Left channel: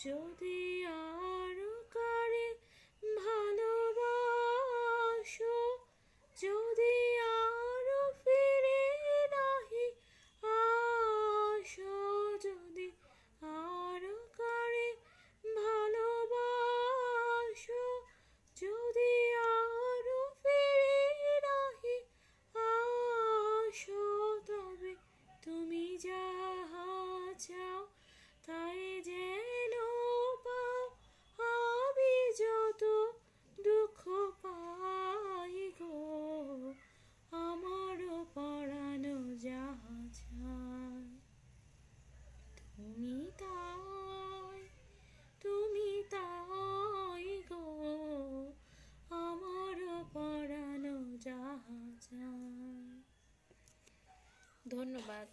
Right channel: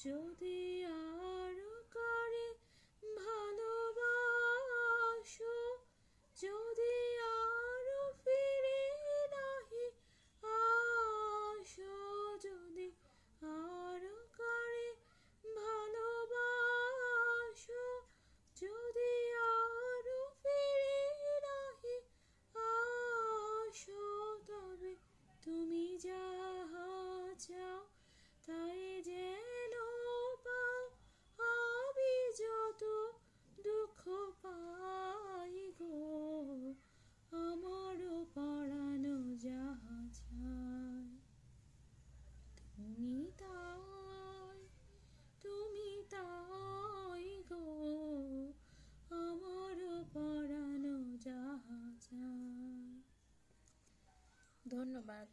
যদি আরো কারে ভালোবাসো, যদি আরো ফিরে নাহি আসো, যদি আরো কারে ভালোবাসো, যদি আরো ফিরে নাহি আসো, তবে তুমি যাহা চাও তাই যেন পাও। আমি যত দুঃখ পাই গো, আমারও পরানো যাহা চায়, তুমি তাই, তুমি তাই গো, আমারও পরানো যাহা চায়। ধন্যবাদ।